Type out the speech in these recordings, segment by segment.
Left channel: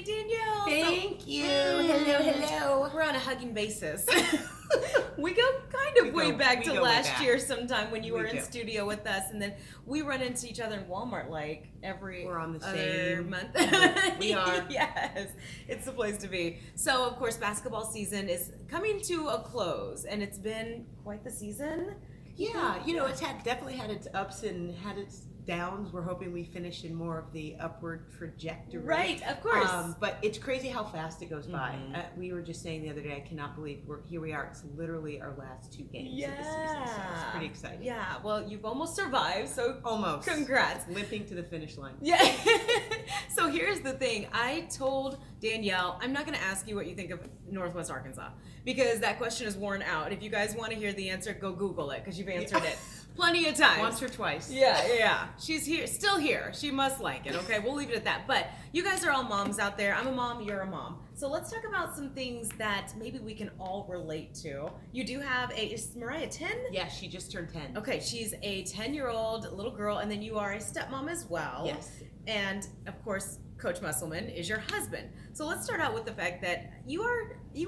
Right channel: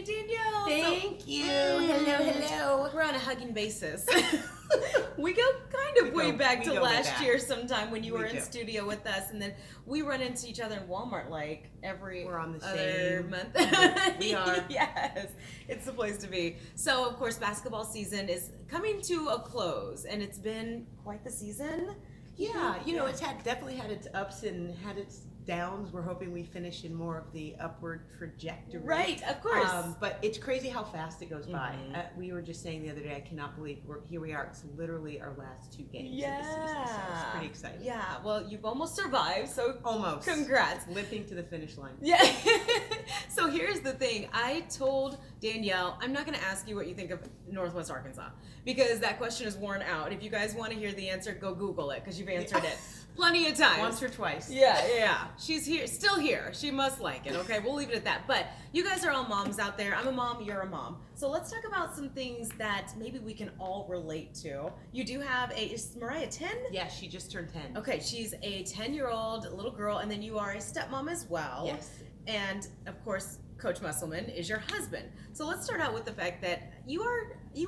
Hey, Danielle. Thank you. Hello. We're on a hugging basis. We go kind of way back to last year sometime when you were in studio with us, and then we run into each other in Walmart like every We're on the other same month. We are. Yes, it's the place to be. So, of course, basketball season is coming to a close, and it's been quite the season. Yeah, it's definitely had its ups and had its downs. We're hoping we finish in more of the upward trajectory. Right, of course. But it's crazy how fast it goes by. We were just saying the other day, I cannot believe here we are. It's literally our last 2 games of the season. So it's pretty exciting. Yeah, well, you've almost survived, so almost. Congrats. Limping to the finish line. Yeah. So here's the thing. I told Danielle, I'm not going to ask you what you think of Northwest Arkansas, because that question is worn out. If you guys want to hear the answer, go Google it, because you've answered it plenty of times. Once or twice. Yeah. She's here, still here. She must like it, okay? We'll leave it at that. But you guys are all moms out there. I'm a mom, you're a mom. So let's talk about some things that maybe we can all relate to. You do have is Mariah 10? Yeah, she just turned 10. Okay, she's a 10-year-old little girl, and then you are a stepmom as well. Yes. And, of course, Coach Musselman is your husband. So let's start out with the fact that you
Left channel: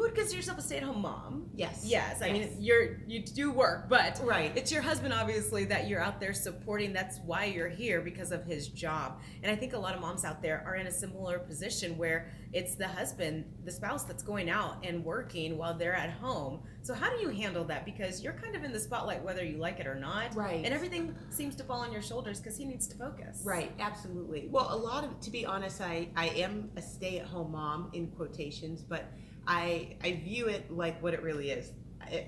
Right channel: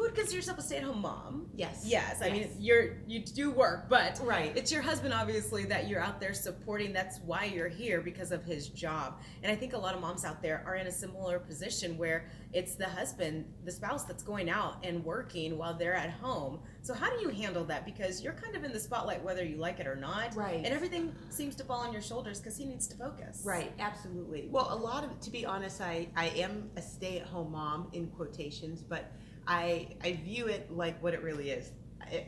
would consider yourself a stay-at-home mom. Yes. I mean, you do work, but right. It's your husband, obviously, that you're out there supporting. That's why you're here, because of his job. And I think a lot of moms out there are in a similar position where it's the husband, the spouse, that's going out and working while they're at home. So how do you handle that? Because you're kind of in the spotlight whether you like it or not. Right. And everything seems to fall on your shoulders because he needs to focus. Right, absolutely. Well, to be honest, I am a stay-at-home mom in quotations, but I view it like what it really is.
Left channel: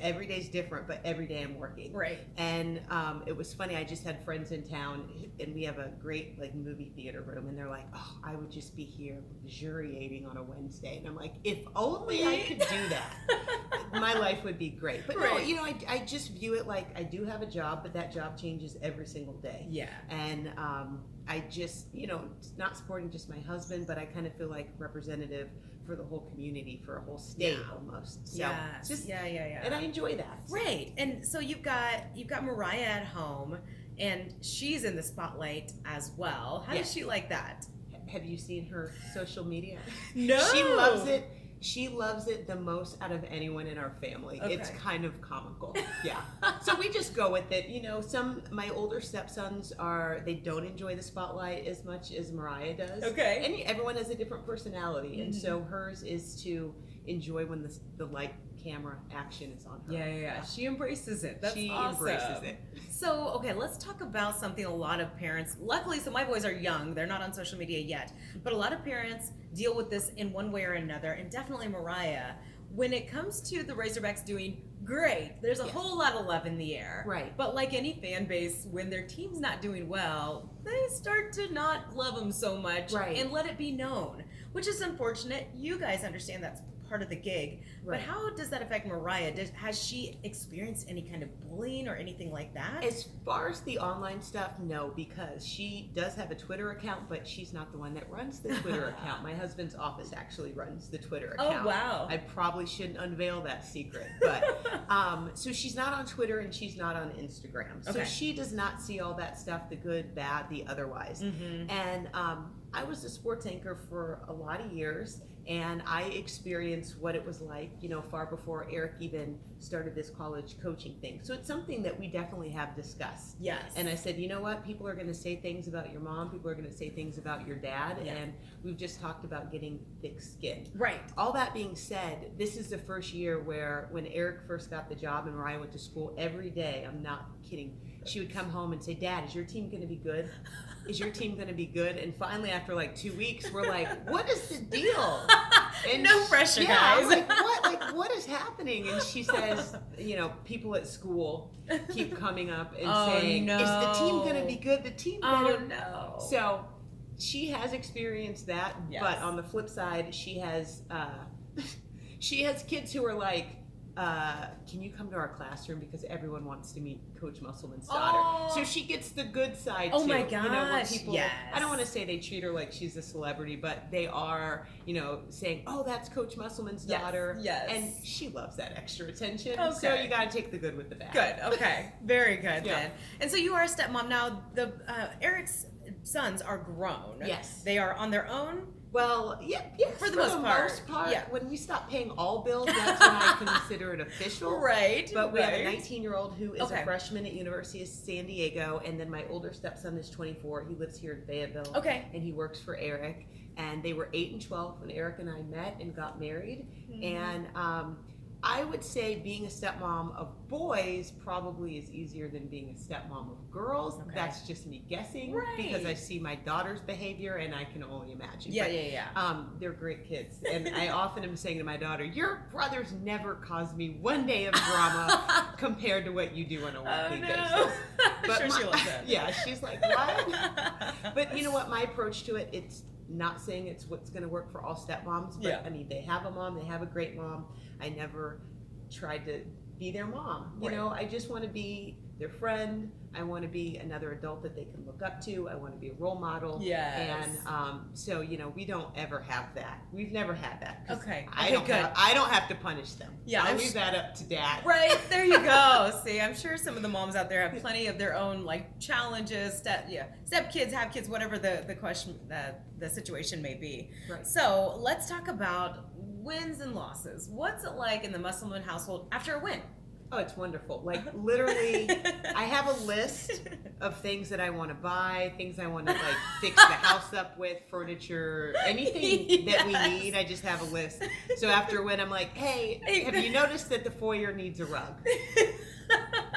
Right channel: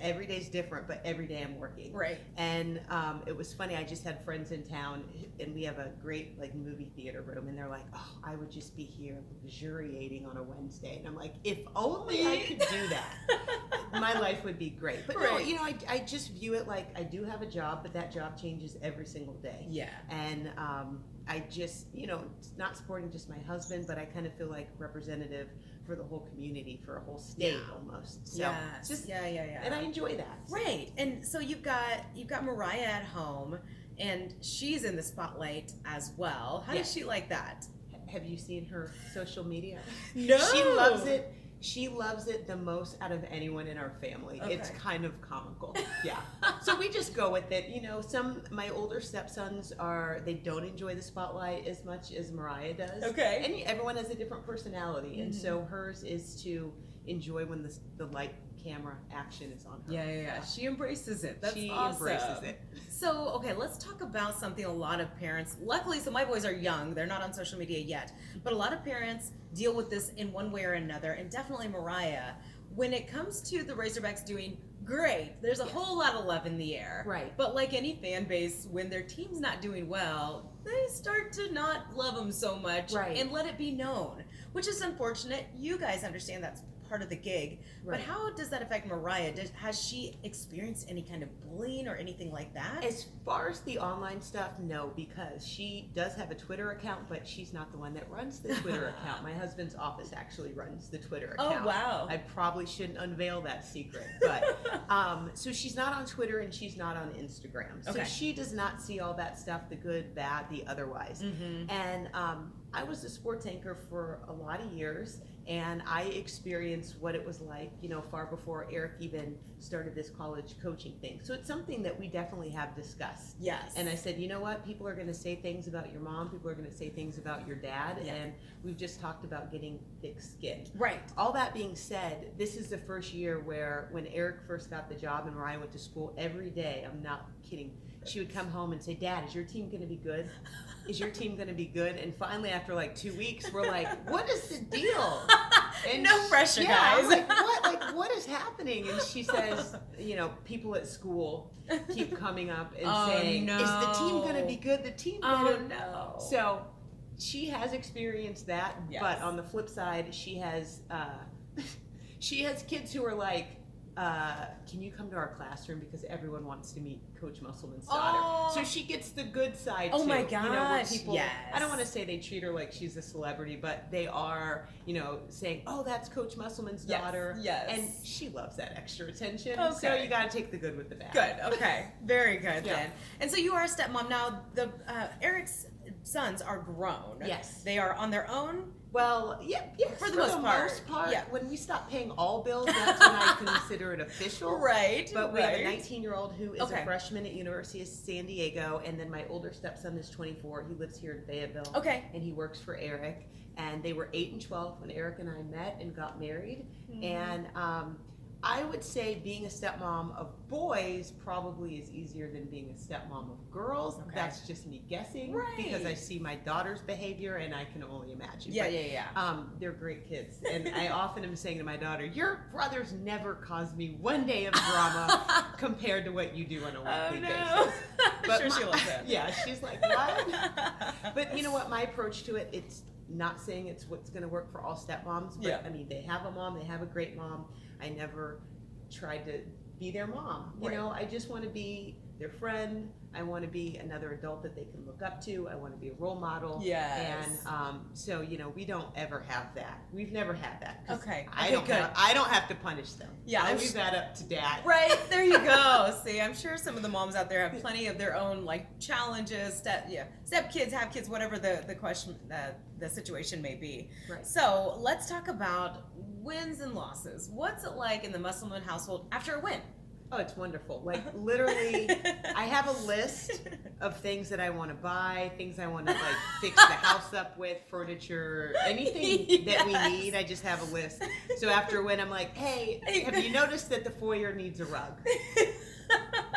Every day's different, but every day I'm working. Right. And it was funny, I just had friends in town, and we have a great movie theater room, and they're like, oh, I would just be here luxuriating on a Wednesday. And I'm like, if only I could do that, my life would be great. But no, I just view it like I do have a job, but that job changes every single day. Yeah. And I just, not supporting just my husband, but I kind of feel like representative for the whole community, for a whole state almost. So and I enjoy that. Right. And so you've got Mariah at home, and she's in the spotlight as well. How does she like that? Have you seen her social media? No. She loves it. She loves it the most out of anyone in our family. Okay. It's kind of comical. Yeah. So we just go with it. My older stepsons they don't enjoy the spotlight as much as Mariah does. Okay. And everyone has a different personality. And so hers is to enjoy when the light camera action is on her. Yeah. She embraces it. That's she awesome. embraces it. So, okay, let's talk about something a lot of parents, luckily, so my boys are young, they're not on social media yet, but a lot of parents deal with this in one way or another, and definitely Mariah. When it comes to the Razorbacks doing great, there's a whole lot of love in the air. Right. But like any fan base, when their team's not doing well, they start to not love them so much and let it be known, which is unfortunate. You guys understand that's part of the gig, but how does that affect Mariah? Has she experienced any kind of bullying or anything like that? As far as the online stuff, no, because she does have a Twitter account, but she's not the one that runs the Twitter account. My husband's office actually runs the Twitter account. Oh, wow. I probably shouldn't unveil that secret, but so she's not on Twitter and she's not on Instagram. So she does not see all that stuff, the good, bad, the otherwise. And I was a sports anchor for a lot of years, and I experienced what it was like, far before Eric even started this college coaching thing. So it's something that we definitely have discussed. Yes. And I said, you know what? People are going to say things about your mom. People are going to say things about your dad. Yeah. And we've just talked about getting thick skin. Right. All that being said, this is the first year where when Eric first got the job and Mariah went to school, every day, I'm not kidding, she would come home and say, Dad, is your team going to be good? Is your team going to be good? And finally, after 2 weeks, we're like, what is the deal? And no pressure, guys. I'm like, what? What is happening? And she says, people at school keep coming up and saying, no. Is the team going to be good? The team better. Oh, no. So she has experienced that. Yes. But on the flip side, she has kids who are like, can you come to our classroom because everyone wants to meet Coach Musselman's daughter. So she gets the good side too. Oh my gosh, where people, I don't want to say they treat her like she's a celebrity, but they are, saying, oh, that's Coach Musselman's daughter. Yes. And she loves that extra attention. Okay. So you got to take the good with the bad. Good, okay. Very good then. And so you are a stepmom. Now, Eric's sons are grown. Yes. They are on their own. Well, yeah, For the most part. Yeah. When we stop paying all bills, that's when I consider it official. Right. But we have a right. 19-year-old who is Okay. a freshman at University of San Diego, and then my older stepson is 24. He lives here in Fayetteville. Okay. And he works for Eric. And they were 8 and 12 when Eric and I met and got married. And I would say being a stepmom of boys probably is easier than being a stepmom of girls. Okay. That's just me guessing, Right. because I see my daughter's behavior and I can only imagine. Yeah, But, yeah. they're great kids, and I often am saying to my daughter, "Your brothers never caused me one day of drama compared to what you do on a weekly basis." But sure, she loves it. Yeah, she's like, "What?" But you know what? My approach to it, it's not saying it's what's going to work for all stepmoms, but Yeah. I mean, they have a mom, they have a great mom. I never tried to be their mom. You Right. know, I just want to be their friend. I want to be another adult that they can look up to. I want to be a role model. Yes. And so, you know, we don't ever have that. We've never had that. 'Cause Okay. I Okay, don't good. I don't have to punish them. Yeah, I'll I'm leave that up to dad. Right, there you go. See, I'm sure some of the moms out there have plenty of their own like challenges, step kids, have kids, whatever the question, the situation may be. Right. So let's talk about wins and losses. What's it like in the Musselman household after a win? Oh, it's wonderful. Like literally, I have a list of things that I want to buy, things I want to like fix the house up with, furniture, anything that we Yes. need. I just have a list. So after when I'm like, hey, have you noticed that the foyer needs a rug?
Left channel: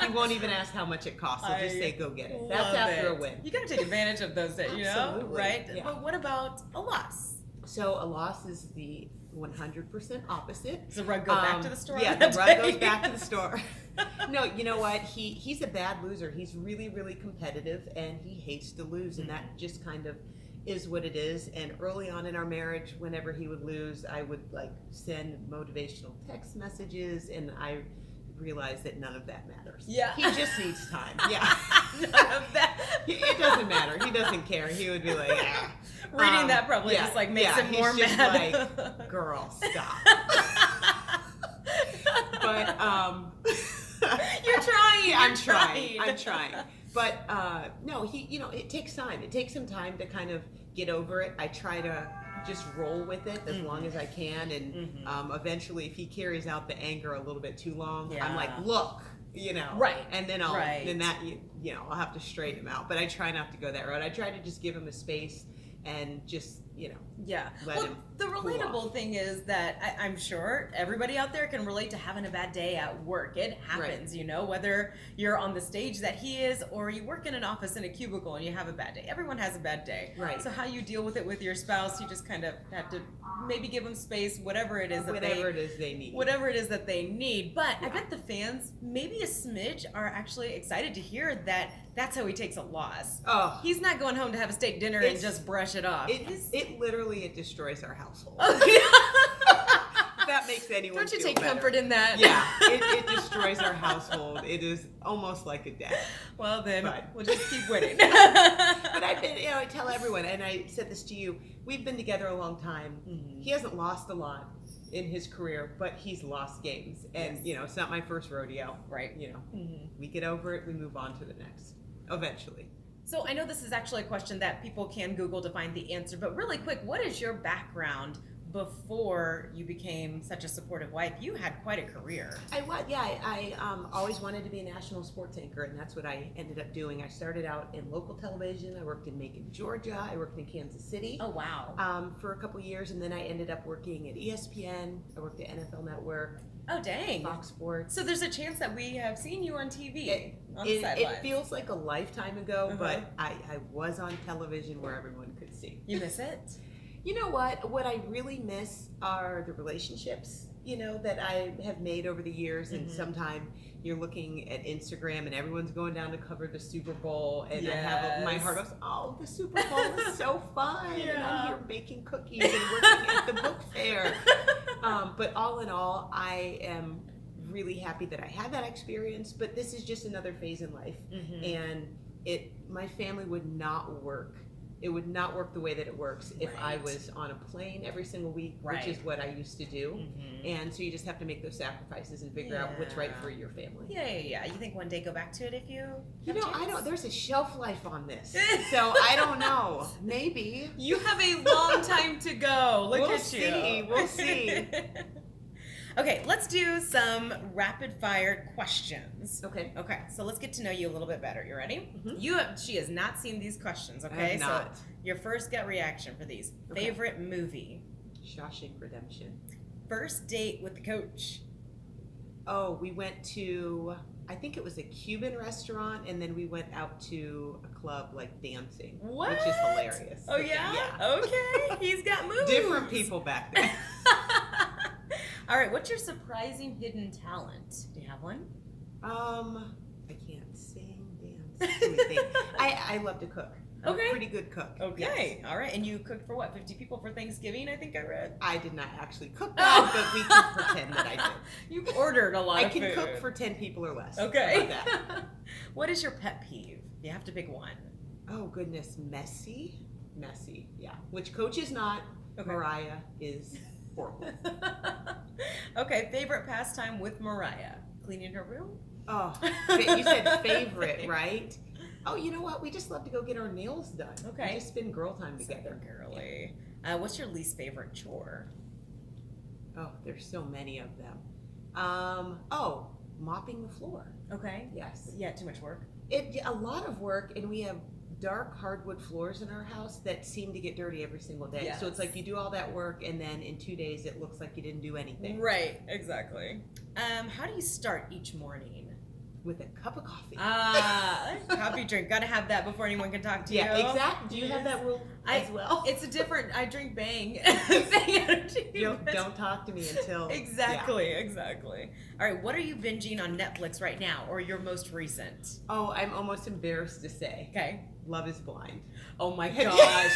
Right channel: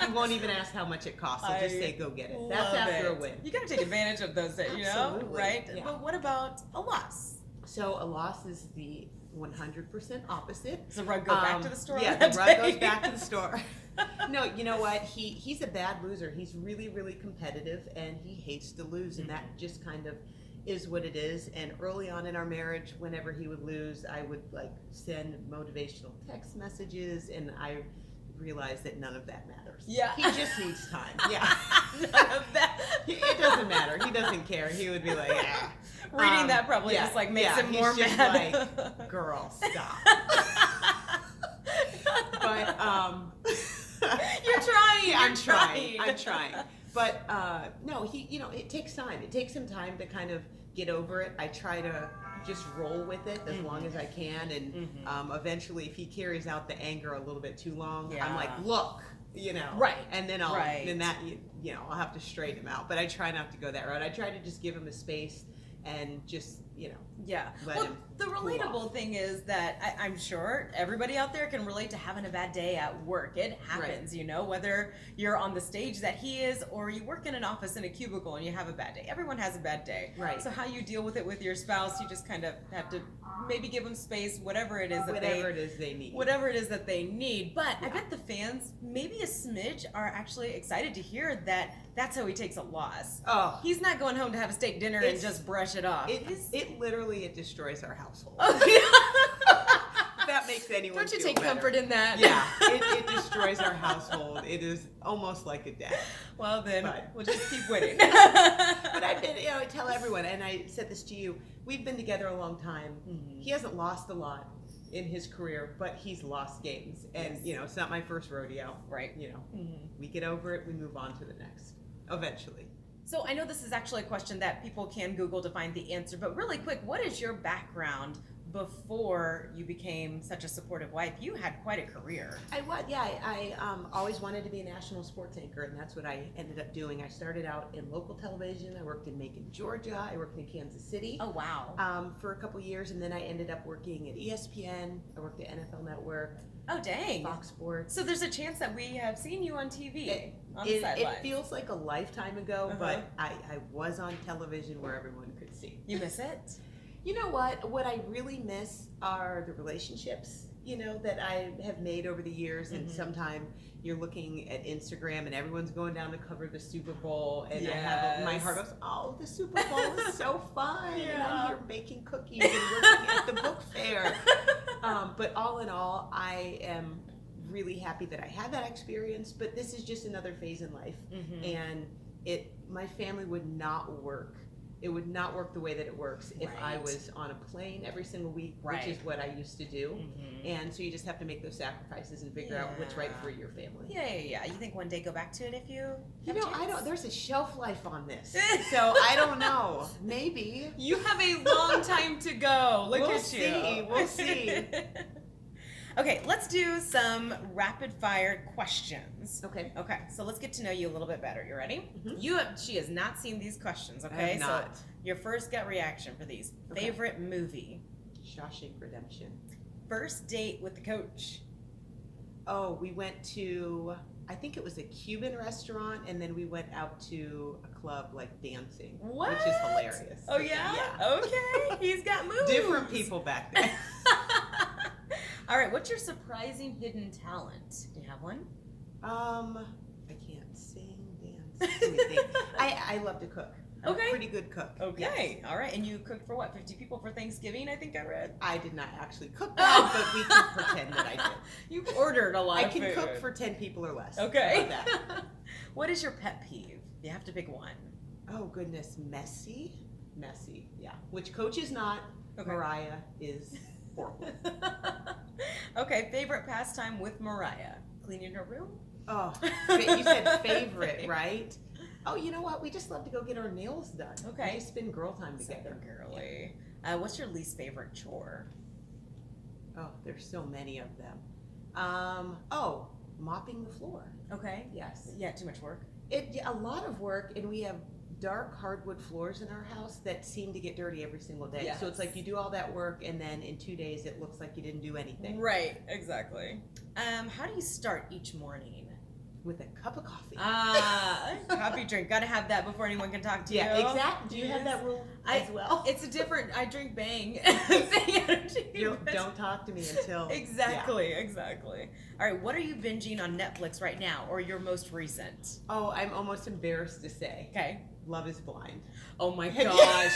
He won't even ask how much it costs. He'll just say, go get it. That's Love after it. a win. You got to take advantage of those, you know, Absolutely. right? Yeah. But what about a loss? So a loss is the 100% opposite. Does the rug go back to the store? Yeah, that the rug day? goes back to the store. No, you know what? He's a bad loser. He's really, really competitive, and he hates to lose, and that just kind of is what it is. And early on in our marriage, whenever he would lose, I would like send motivational text messages, and I realized that none of that matters. Yeah. He just needs time. Yeah. None of that. It doesn't matter. He doesn't care. He would be like, ah. Reading that probably just like makes him more he's just mad. like, girl, stop. But You're trying. I'm trying. But no, it takes time. It takes him time to kind of get over it. I try to just roll with it as long as I can, and eventually, if he carries out the anger a little bit too long, I'm like, look. Right. And then I'll have to straighten him out. But I try not to go that route. I try to just give him a space and just, let him the cool relatable off. thing is that I'm sure everybody out there can relate to having a bad day at work. It happens, whether you're on the stage that he is or you work in an office in a cubicle and you have a bad day. Everyone has a bad day. Right. So how you deal with it with your spouse, you just kind of have to maybe give them space, whatever it is that they need. But I bet the fans, maybe a smidge, are actually excited to hear that that's how he takes a loss. Oh. He's not going home to have a steak dinner and just brush it off. It literally destroys our household. That makes anyone Don't you feel take better. comfort in that? Yeah, it destroys our household. It is almost like a death. Well, then But- we'll just keep winning. But I tell everyone, and I said this to you, we've been together a long time. He hasn't lost a lot in his career, but he's lost games. And, it's not my first rodeo. Right. We get over it, we move on to the next, eventually. So I know this is actually a question that people can Google to find the answer, but really quick, what is your background before you became such a supportive wife? You had quite a career. I always wanted to be a national sports anchor, and that's what I ended up doing. I started out in local television. I worked in Macon, Georgia. I worked in Kansas City. Oh, wow. For a couple years, and then I ended up working at ESPN. I worked at NFL Network. Oh, dang. Fox Sports. So there's a chance that we have seen you on TV on the It sidelines. feels like a lifetime ago, but I was on television where everyone could see. You miss it? You know what? What I really miss are the relationships, that I have made over the years. And sometime you're looking at Instagram and everyone's going down to cover the Super Bowl. And I have my heart goes, oh, the Super Bowl is so fun. And I'm here baking cookies and working at the book fair. But all in all, I am really happy that I had that experience. But this is just another phase in life. And my family would not work It would not work the way that it works if I Right. was on a plane every single week, Right. which is what I used to do. Mhm. And so you just have to make those sacrifices and figure out what's right Yeah. for your family. Yeah. You think one day go back to it if you You have a know, I chance? don't. There's a shelf life on this, so I don't know. Maybe. You have a long time to go. Look We'll at you. see. We'll see. Okay, let's do some rapid fire questions. Okay. Okay, so let's get to know you a little bit better. You ready? Mhm. She has not seen these questions, I okay? have not. So your first gut reaction for these. Okay. Favorite movie? Shawshank Redemption. First date with the coach? Oh, we went to, I think it was a Cuban restaurant, and then we went out to a club like dancing, What? which is hilarious. Oh yeah? Yeah. Okay, he's got moves. Different people back then. All right, what's your surprising hidden talent? Do you have one? I can't sing, dance. Let me think. I love to cook. I'm Okay. a pretty good cook. Okay, Yes. all right. And you cooked for what, 50 people for Thanksgiving, I think I read? I did not actually cook that, but we can pretend that I did. You ordered a lot I of can food. cook for 10 people or less. Okay. How about that? What is your pet peeve? You have to pick one. Oh, goodness. Messy? Messy, yeah. Which Coach is not. Okay. Mariah is horrible. Okay, favorite pastime with Mariah? Cleaning her room? Oh, you said favorite, right? Oh, you know what? We just love to go get our nails done. Okay. We just spend girl time So together. girly. What's your least favorite chore? Oh, there's so many of them. Mopping the floor. Okay. Yes. Yeah, too much work. A lot of work, and we have dark hardwood floors in our house that seem to get dirty every single day. So it's Yes. like you do all that work, and then in 2 days it looks like you didn't do anything. Right, exactly. How do you start each morning? With a cup of coffee. Coffee drink. Gotta have that before anyone can talk to you. Yeah, exactly. Do you have that rule as well? It's a different. I drink Bang. Bang energy. Don't talk to me until Exactly. All right. What are you binging on Netflix right now, or your most recent? Oh, I'm almost embarrassed to say. Okay. Love is Blind. Oh my Have you- gosh.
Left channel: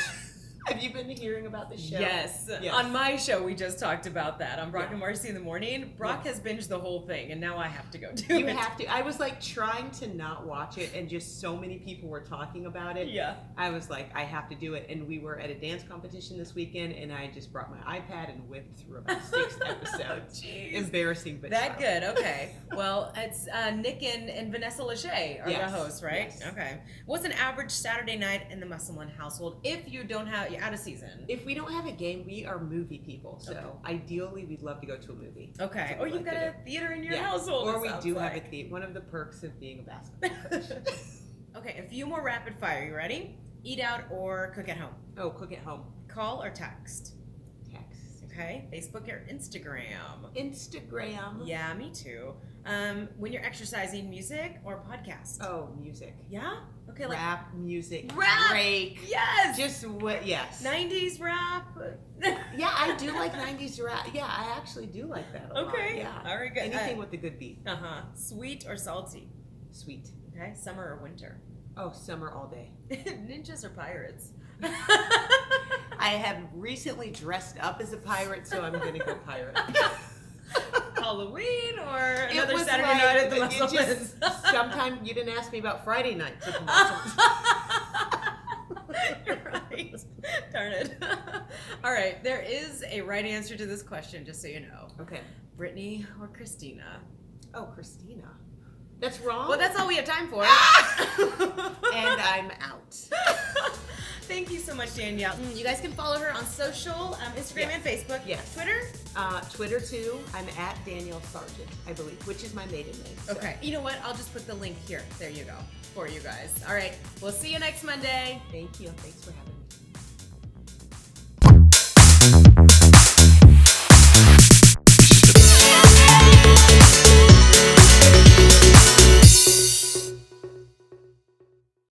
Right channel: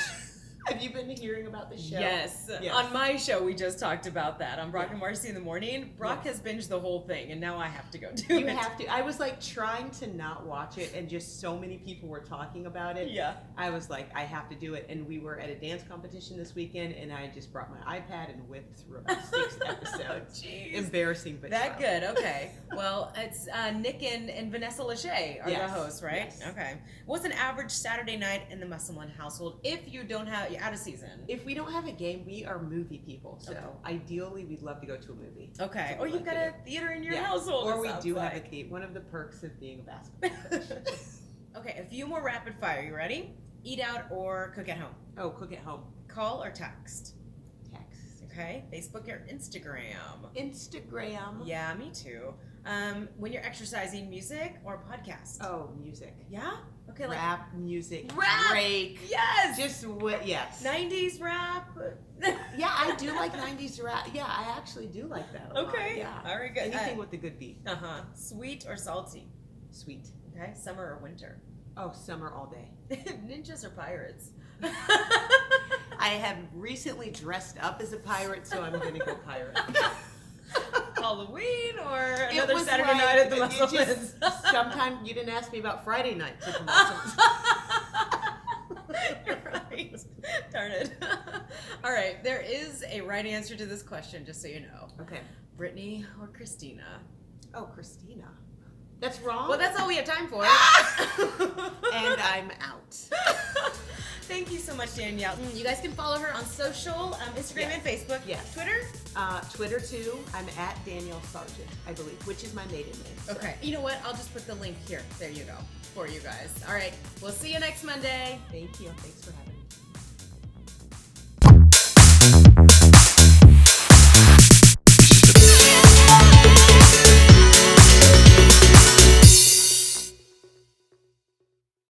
Have you been hearing about the show? Yes. Yes. On my show, we just talked about that on Brock Yeah. and Marcy in the morning. Brock Yeah. has binged the whole thing, and now I have to go do You it. have to. I was like trying to not watch it, and just so many people were talking about it. Yeah. I was like, I have to do it. And we were at a dance competition this weekend, and I just brought my iPad and whipped through about 6 episodes. Jeez. Embarrassing, but That true. good. Okay. Well, it's Nick and Vanessa Lachey are the Yes. hosts, right? Yes. Okay. What's an average Saturday night in the Musselman household if you don't have you're out of season? If we don't have a game, we are movie people. So Okay. ideally, we'd love to go to a movie. Okay. That's Or what we you've like got to a theater in your Yeah. household. Or it we sounds do have like. a theater. One of the perks of being a basketball coach. Okay, a few more rapid fire. You ready? Eat out or cook at home? Oh, cook at home. Call or text? Text. Okay. Facebook or Instagram? Instagram. Yeah, me too. When you're exercising, music or podcast? Oh, music. Yeah? Okay, like Rap, music, Rap! Drake. yes! Just what? Yes. 90s rap. Yeah, I do like 90s rap. Yeah, I actually do like that a lot. Okay. Yeah. All right, good. Anything with a good beat. Uh-huh. Sweet or salty? Sweet. Okay. Summer or winter? Oh, summer all day. Ninjas or pirates? I have recently dressed up as a pirate, so I'm going to go pirate. Halloween or It another was Saturday like- night at the it just- Musselman's? Sometime you didn't ask me about Friday nights at the Musselman's. You're right. Darn it. All right. There is a right answer to this question, just so you know. Okay. Brittany or Christina? Oh, Christina. That's wrong. Well, that's all we have time for. And I'm out. Thank you so much, Danielle. You guys can follow her on social, Instagram Yes. and Facebook. Yes. Twitter? Twitter too. I'm at Danyelle Sargent, I believe, which is my maiden name. so. Okay. You know what? I'll just put the link here. There you go. For you guys. All right. We'll see you next Monday. Thank you. Thanks for having me.